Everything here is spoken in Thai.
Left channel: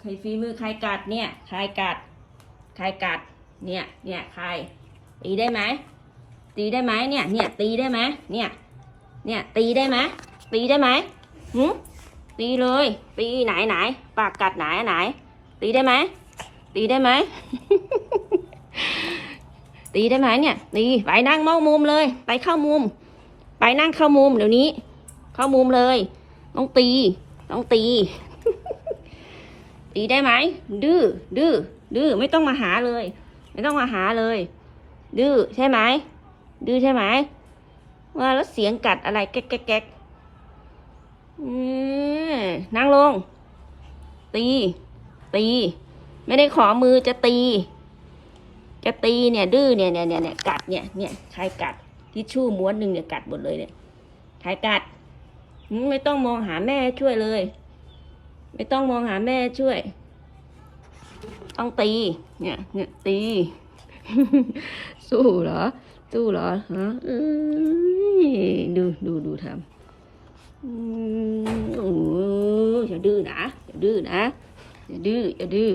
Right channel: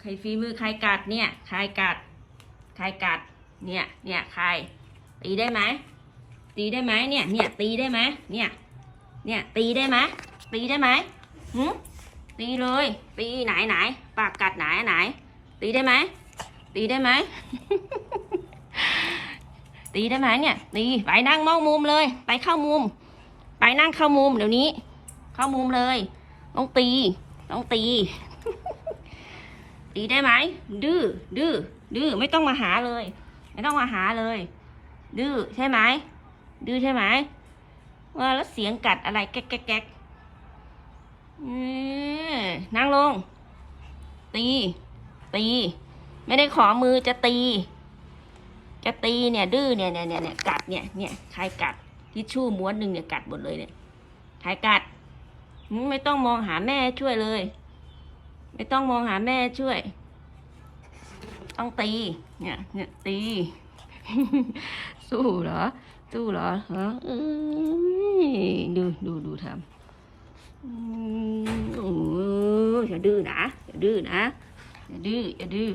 ใครฝีมือใครกัดเนี่ยใครกัดใครกัดเนี่ยใครตีได้ไหมตีได้ไหมเนี่ยตีได้ไหมเนี่ยตีได้ไหมตีได้ไหมหืมตีเลยตีไหนปากกัดไหนตีได้ไหมตีได้ไหม ตีได้ไหมเนี่ยตีไปนั่งมองมุมเลยไปเข้ามุมไปนั่งเข้ามุมเดี๋ยวนี้เข้ามุมเลยต้องตี ตีได้ไหมดื้อไม่ต้องมาหาเลยไม่ต้องมาหาเลยดื้อใช่ไหมดื้อใช่ไหมว่าแล้วเสียงกัดอะไรแก๊กนั่งลงตีไม่ได้ขอมือจะตีเนี่ยดื้อเนี่ยกัดเนี่ยใครกัดทิชชู่ม้วนหนึ่งเนี่ยกัดหมดเลยเนี่ยใครกัดไม่ต้องมองหาแม่ช่วยเลยไม่ต้องมองหาแม่ช่วยต้องตีเนี่ยตี สู้เหรอฮะดูทำโอ้อย่าดื้อนะอย่าดื้อ